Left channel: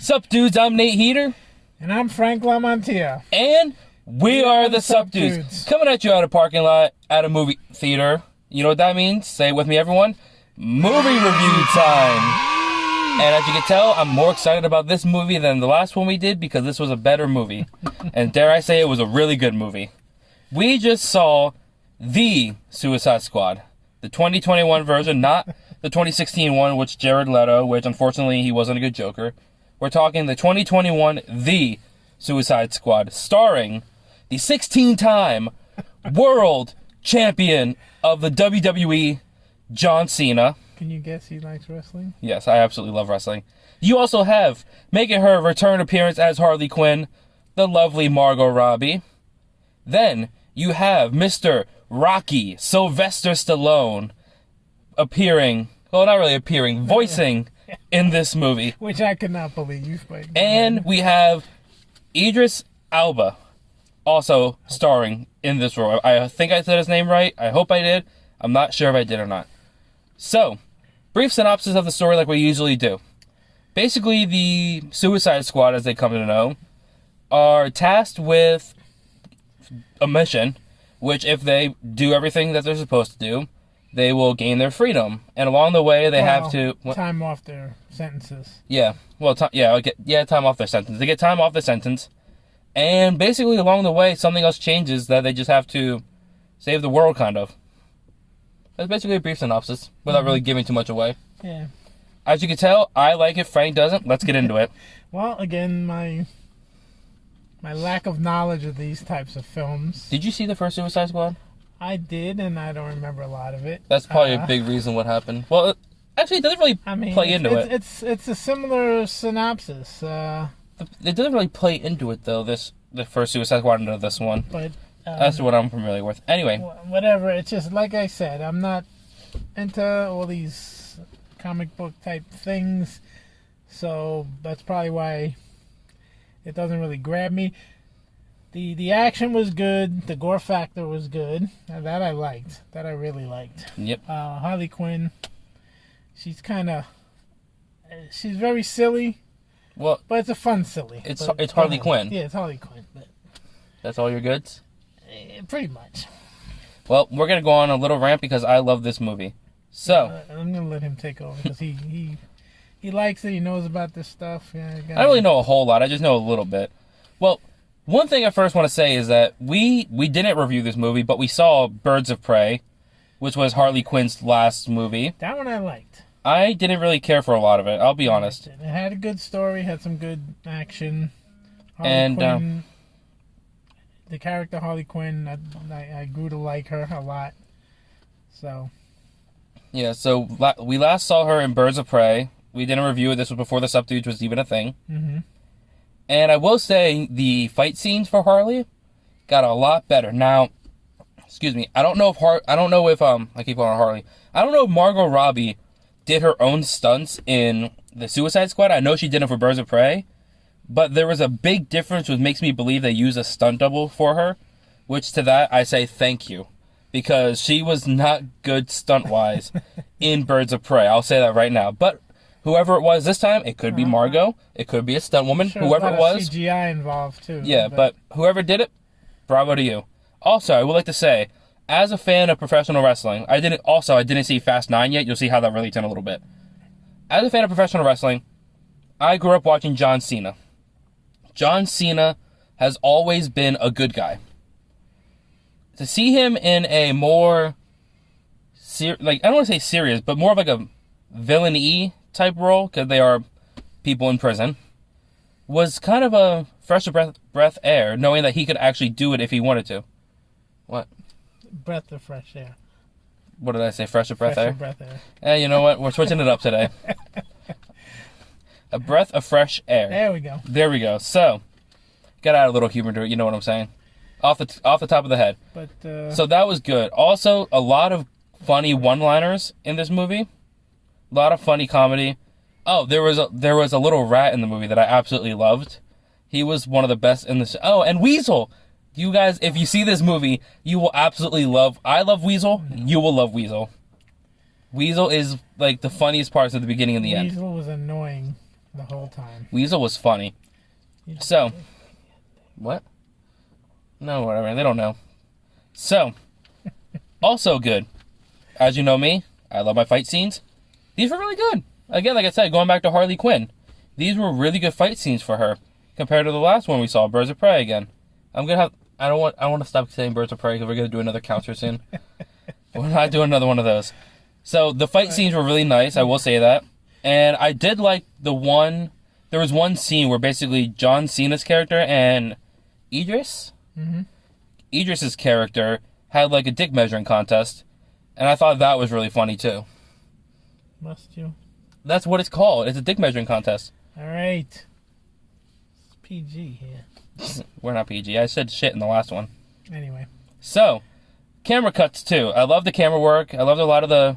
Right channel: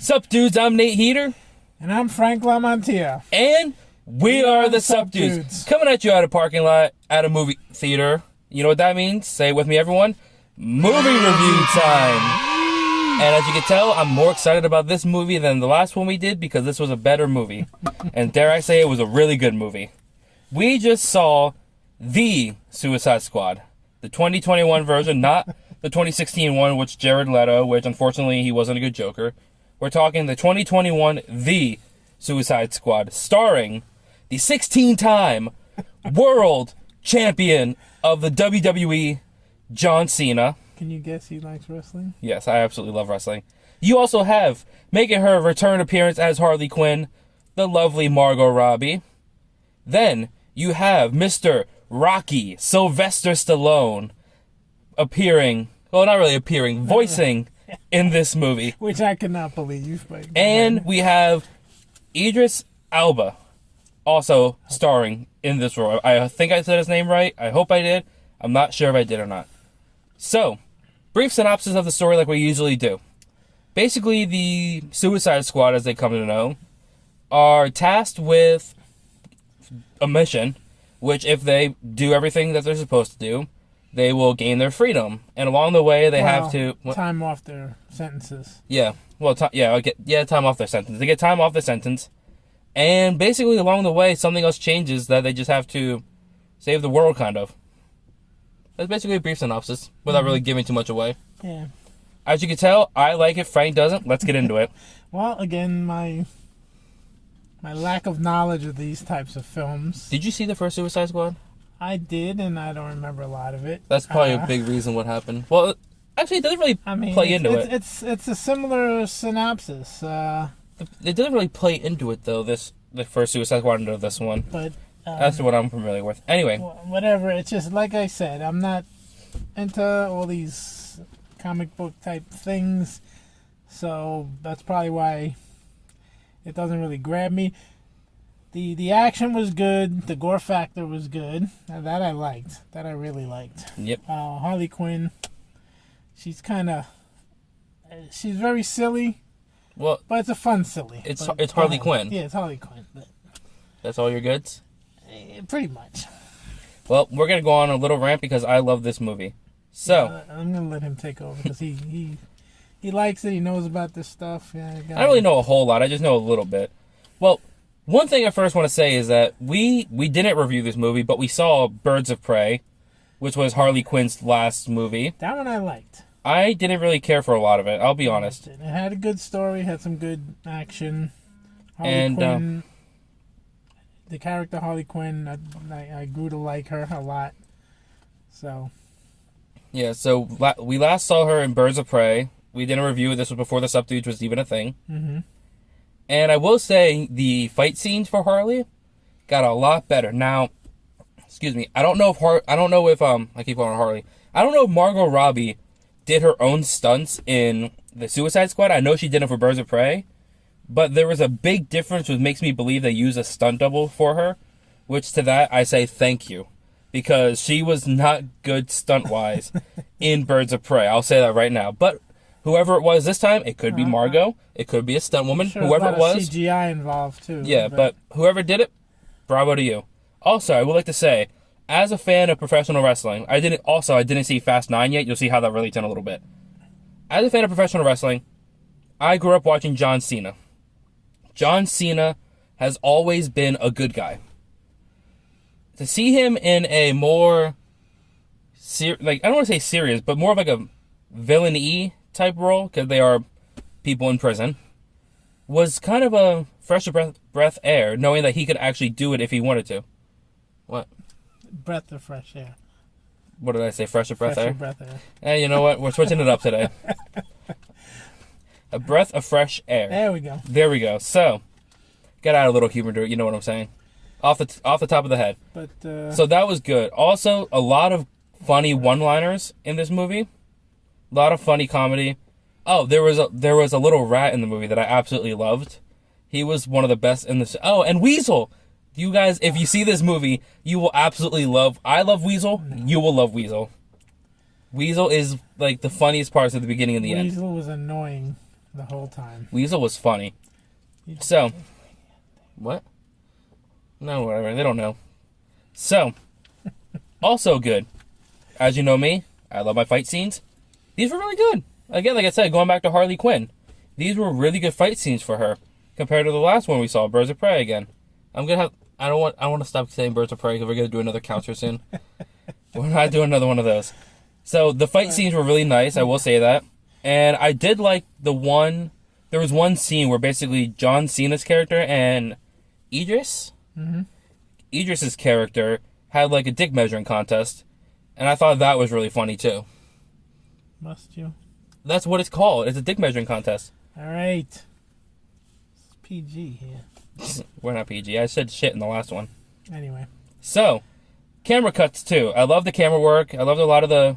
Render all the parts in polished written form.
Sup Dudes, I'm Nate Heater. And I'm Frank Lamontia. And we are the Sup Dudes. Coming at you at a parking lot at a movie theater. You know what that means? Say it with me, everyone. Movie review time. And as you can tell, I'm more excited about this movie than the last one we did because this was a better movie. And dare I say, it was a really good movie. We just saw the Suicide Squad. The 2021 version, not the 2016 one, which Jared Leto, which unfortunately he wasn't a good Joker. We're talking the 2021 The Suicide Squad, starring the 16-time world champion of the WWE, John Cena. Can you guess he likes wrestling? Yes, I absolutely love wrestling. You also have, making her return appearance as Harley Quinn, the lovely Margot Robbie. Then you have Mr. Rocky Sylvester Stallone appearing, well, not really appearing, voicing in this movie. Which I could not believe. But and we have Idris Elba also starring in this role. I think I said his name right. I hope I did. I'm not sure if I did or not. So, brief synopsis of the story like we usually do. Basically, the Suicide Squad, as they come to know, are tasked with a mission, which if they do everything that they're supposed to do, they will gain their freedom. And along the way, they have to... time off their sentences. Yeah. Well, time off their sentence. They get time off their sentence. And basically, along the way, something else changes that they just have to save the world, kind of. That's basically a brief synopsis, without really giving too much away. Yeah. As you can tell, I like it, Frank doesn't. Let's get into it. Well, again, my lack of knowledge of these types of films. Did you see the first Suicide Squad? I did, and I don't remember a lot of it. That's probably a big reason what happened. Well, actually, it doesn't really play into it. It's a similar synopsis. It doesn't really play into it, though, the first Suicide Squad into this one. But that's what I'm familiar with. Anyway. Whatever. It's just, like I said, I'm not into all these comic book type things. So that's probably why it doesn't really grab me. The action was good. The gore factor was good. That I liked. That I really liked. Yep. Harley Quinn, she's very silly. Well, but it's a fun silly. It's Harley Quinn. Yeah, it's Harley Quinn. But that's all your goods? Pretty much. Well, we're going to go on a little rant because I love this movie. So I'm going to let him take over because he likes it. He knows about this stuff. Yeah, I don't really know a whole lot. I just know a little bit. Well, one thing I first want to say is that we didn't review this movie, but we saw Birds of Prey, which was Harley Quinn's last movie. That one I liked. I didn't really care for a lot of it, I'll be honest. It had a good story, had some good action. Harley Quinn, the character Harley Quinn, I grew to like her a lot. So. Yeah, so we last saw her in Birds of Prey. We didn't review it. This was before the Sup Dudes was even a thing. Mm-hmm. And I will say the fight scenes for Harley got a lot better. Now, excuse me, I don't know if I keep calling her Harley. I don't know if Margot Robbie did her own stunts in the Suicide Squad. I know she did it for Birds of Prey, but there was a big difference which makes me believe they used a stunt double for her, which to that I say thank you, because she was not good stunt-wise in Birds of Prey. I'll say that right now. But whoever it was this time, it could be Margot, it could be a stunt woman, sure whoever it was. CGI involved too. Yeah, but whoever did it, bravo to you. Also, I would like to say, as a fan of professional wrestling, I didn't see Fast 9 yet. You'll see how that relates in a little bit. As a fan of professional wrestling, I grew up watching John Cena. John Cena has always been a good guy. To see him in a more, I don't want to say serious, but more of like a villain-y type role, because they are people in prison, was kind of a fresh breath air, knowing that he could actually do it if he wanted to. What? Breath of fresh air. What did I say? Fresh breath air? Breath air. Hey, you know what? We're switching it up today. A breath of fresh air. There we go. There we go. So, got to add a little humor to it. You know what I'm saying? Off the top of the head. But so that was good. Also, a lot of funny one-liners in this movie. A lot of funny comedy. Oh, there was a little rat in the movie that I absolutely loved. He was one of the best in the... Oh, and Weasel! You guys, if you see this movie, you will absolutely love... I love Weasel. You will love Weasel. Weasel is, like, the funniest parts at the beginning and the end. Weasel was annoying. the whole time. Weasel was funny. So, what? No, whatever. They don't know. So, also good. As you know me, I love my fight scenes. These were really good. Again, like I said, going back to Harley Quinn, these were really good fight scenes for her compared to the last one we saw, Birds of Prey again. I want to stop saying Birds of Prey because we're gonna do another counter soon. We're not doing another one of those. So the fight scenes were really nice. I will say that, and I did like the one. There was one scene where basically John Cena's character and Idris's character had like a dick measuring contest, and I thought that was really funny too. Must you? That's what it's called. It's a dick measuring contest. All right. It's PG here. We're not PG. I said shit in the last one. Anyway. So, camera cuts too. I love the camera work. I loved a lot of the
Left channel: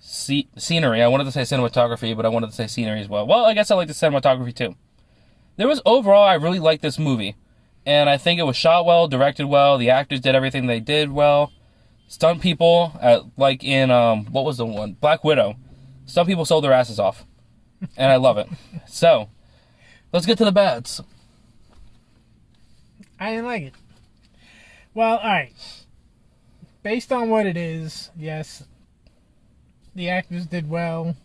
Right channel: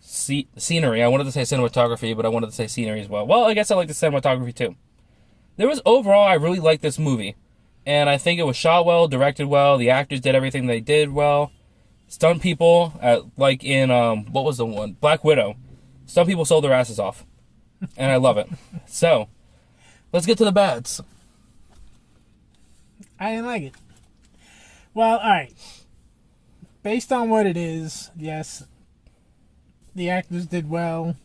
scenery. I wanted to say cinematography, but I wanted to say scenery as well. Well, I guess I like the cinematography too. There was overall, I really liked this movie. And I think it was shot well, directed well. The actors did everything they did well. Stunt people, like in, what was the one? Black Widow. Stunt people sold their asses off. And I love it. So, let's get to the bads. I didn't like it. Well, alright. Based on what it is, yes, the actors did well.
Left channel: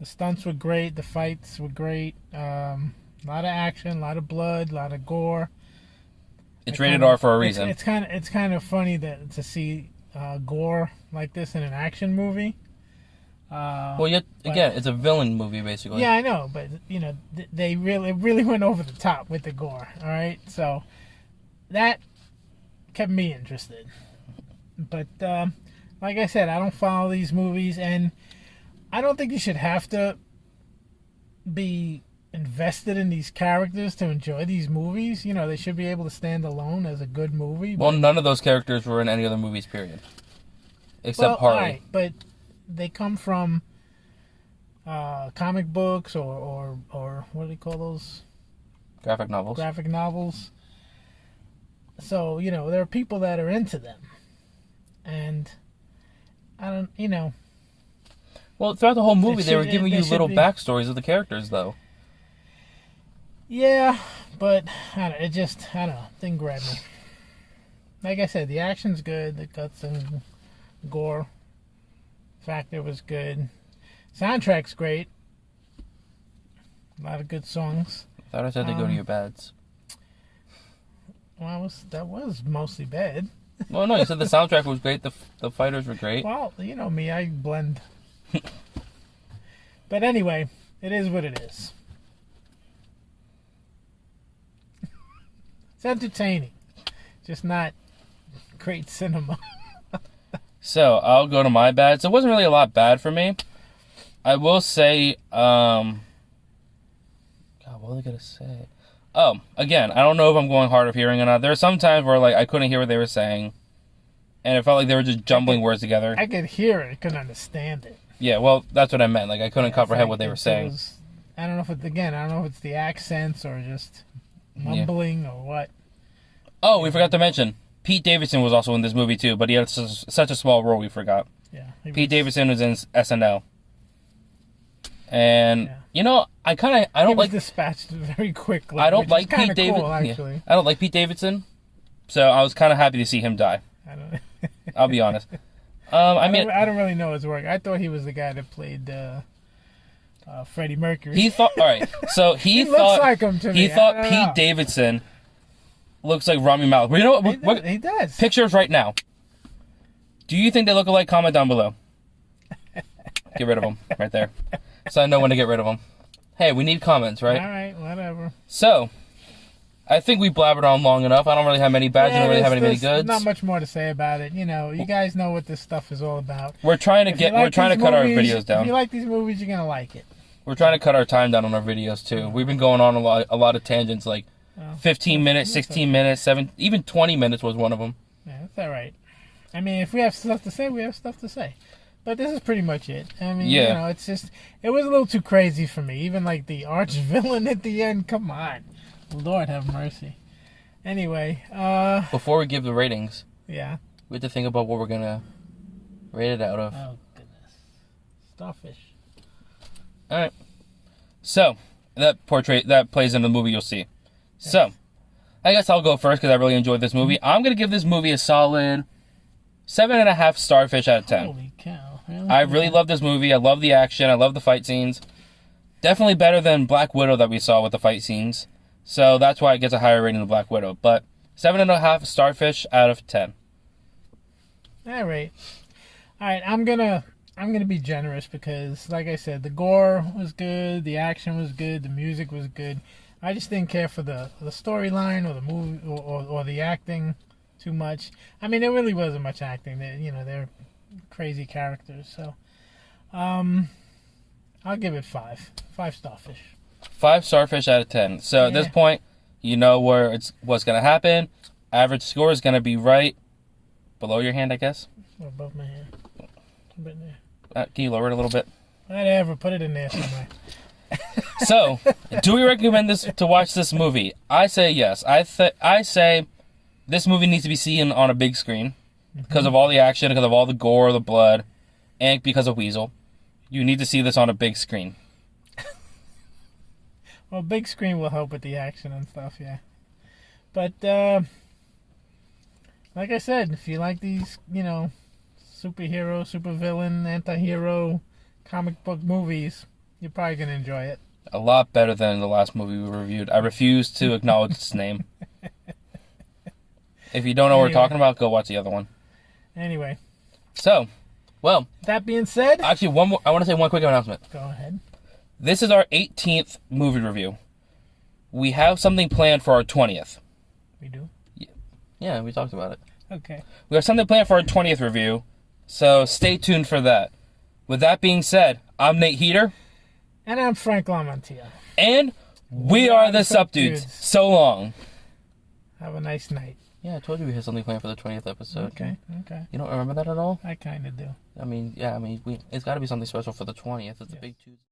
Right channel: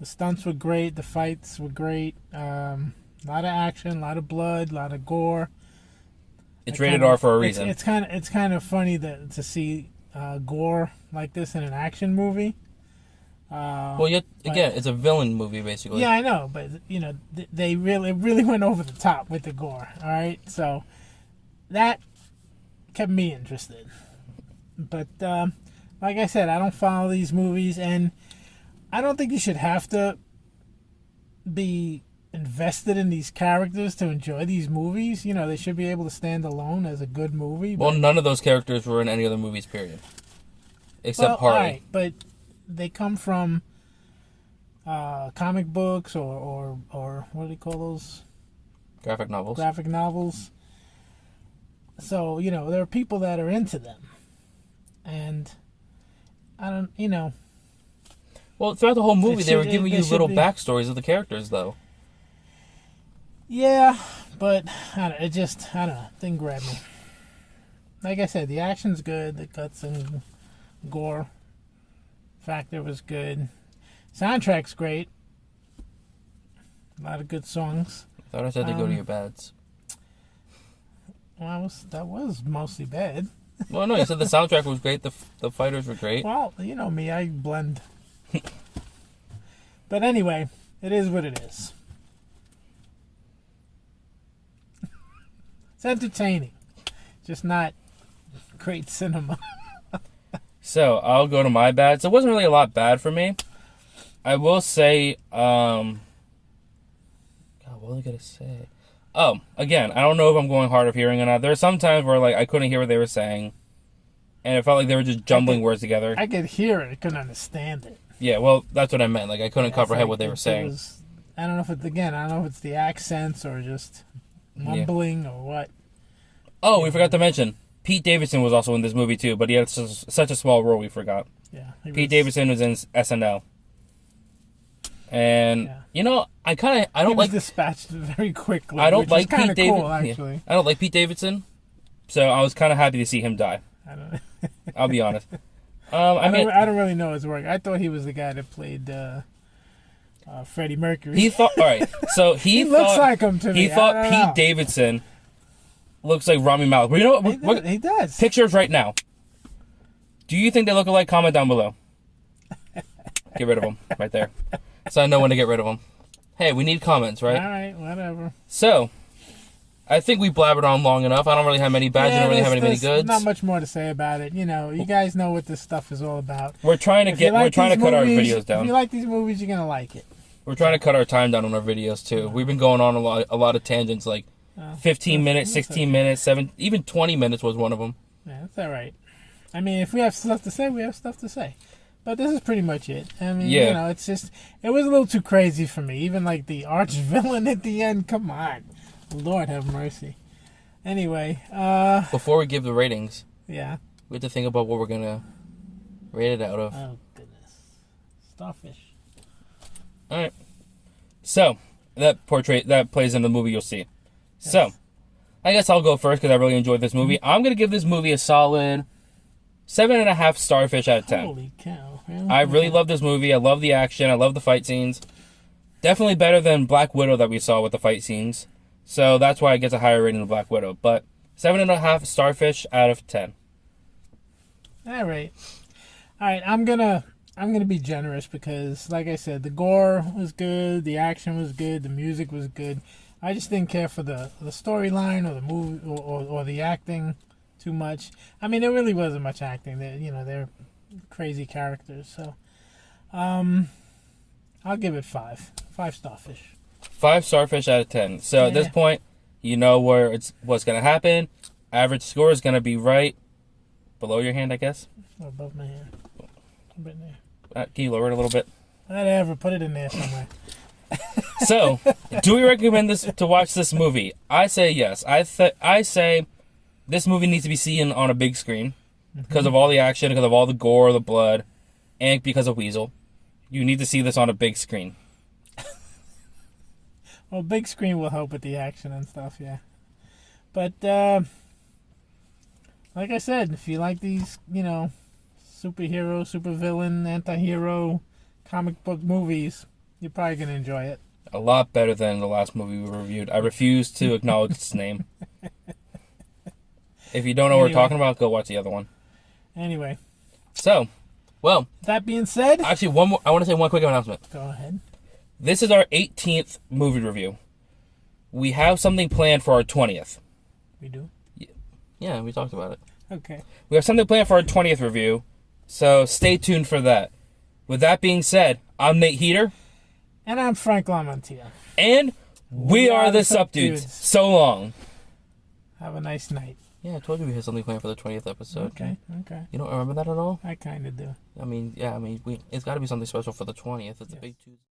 The stunts were great. The fights were great. A lot of action, a lot of blood, a lot of gore. It's rated R for a reason. It's kind of funny to see gore like this in an action movie. Well, again, it's a villain movie, basically. Yeah, I know, but you know, they really went over the top with the gore. All right, so that kept me interested. But like I said, I don't follow these movies, and I don't think you should have to be invested in these characters to enjoy these movies. You know, they should be able to stand alone as a good movie. Well, none of those characters were in any other movies, period. Except Harley. Right, but they come from comic books or what do they call those? Graphic novels. Graphic novels. So, you know, there are people that are into them. And I don't, you know. Well, throughout the whole movie, they were giving you little backstories of the characters, though. Yeah, but it just, I don't know, didn't grab me. Like I said, the action's good, the guts and gore factor was good. Soundtrack's great. A lot of good songs. I thought I said to go to your bads. Well, that was mostly bad. Well, no, you said the soundtrack was great. The fighters were great. Well, you know me, I blend. But anyway, it is what it is. It's entertaining, just not great cinema. So, I'll go to my bads. It wasn't really a lot bad for me. I will say, God, what was I going to say? Oh, again, I don't know if I'm going hard of hearing or not. There were some times where, like, I couldn't hear what they were saying. And it felt like they were just jumbling words together. I could hear it. I couldn't understand it. Yeah, well, that's what I meant. Like, I couldn't comprehend what they were saying. I don't know if it's, again, I don't know if it's the accents or just mumbling or what. Oh, we forgot to mention, Pete Davidson was also in this movie, too. But he had such a small role, we forgot. Yeah. Pete Davidson was in SNL. And, you know, I don't like... dispatched very quickly. I don't like Pete Davidson. Cool, actually. Yeah, I don't like Pete Davidson. So I was kind of happy to see him die. I'll be honest. I don't really know his work. I thought he was the guy that played Freddie Mercury. He thought... All right. So he looks like him to me. He thought Pete Davidson looks like Rami Malek. But you know what? He does. Pictures right now. Do you think they look alike? Comment down below. Get rid of them. Right there. So I know when to get rid of them. Hey, we need comments, right? All right, whatever. So, I think we blabbered on long enough. I don't really have many bads. I don't really have any many goods. Not much more to say about it. You know, you guys know what this stuff is all about. We're trying to cut our videos down. If you like these movies, you're gonna like it. We're trying to cut our time down on our videos too. We've been going on a lot of tangents, like 15 minutes, 16 minutes, 7, even 20 minutes was one of them. Yeah, that's all right. I mean, if we have stuff to say, we have stuff to say. But this is pretty much it. I mean, you know, it's just, it was a little too crazy for me. Even like the arch villain at the end. Come on. Lord have mercy. Anyway. Before we give the ratings. Yeah. We have to think about what we're going to rate it out of. Oh, goodness. Starfish. All right. So, that plays in the movie you'll see. So, I guess I'll go first because I really enjoyed this movie. I'm gonna give this movie a solid 7.5 starfish out of 10. Holy cow! I really love this movie. I love the action. I love the fight scenes. Definitely better than Black Widow that we saw with the fight scenes. So that's why it gets a higher rating than Black Widow. But 7.5 starfish out of 10. All right. I'm gonna be generous because, like I said, the gore was good, the action was good, the music was good. I just didn't care for the storyline or the movie or the acting too much. I mean, there really wasn't much acting. They're crazy characters. So, I'll give it 5 starfish. 5 starfish out of 10. So at this point, you know what's gonna happen. Average score is gonna be right below your hand, I guess. Or above my hand. Right there. Can you lower it a little bit? Whatever, put it in there somewhere. So, do we recommend to watch this movie? I say yes. I say this movie needs to be seen on a big screen because of all the action, because of all the gore, the blood, and because of Weasel. You need to see this on a big screen. Well, big screen will help with the action and stuff, yeah. But, like I said, if you like these, superhero, supervillain, anti-hero comic book movies, you're probably going to enjoy it. A lot better than the last movie we reviewed. I refuse to acknowledge its name. If you don't know what we're talking about, go watch the other one. Anyway. So, well. That being said. Actually, I want to say one quick announcement. Go ahead. This is our 18th movie review. We have something planned for our 20th. We do? Yeah, we talked about it. Okay. We have something planned for our 20th review, so stay tuned for that. With that being said, I'm Nate Heater. And I'm Frank Lamontia. And we are the Sup Dudes. So long. Have a nice night. Yeah, I told you we had something planned for the 20th episode. Okay. You don't remember that at all? I kind of do. It's got to be something special for the 20th. It's a big Tuesday.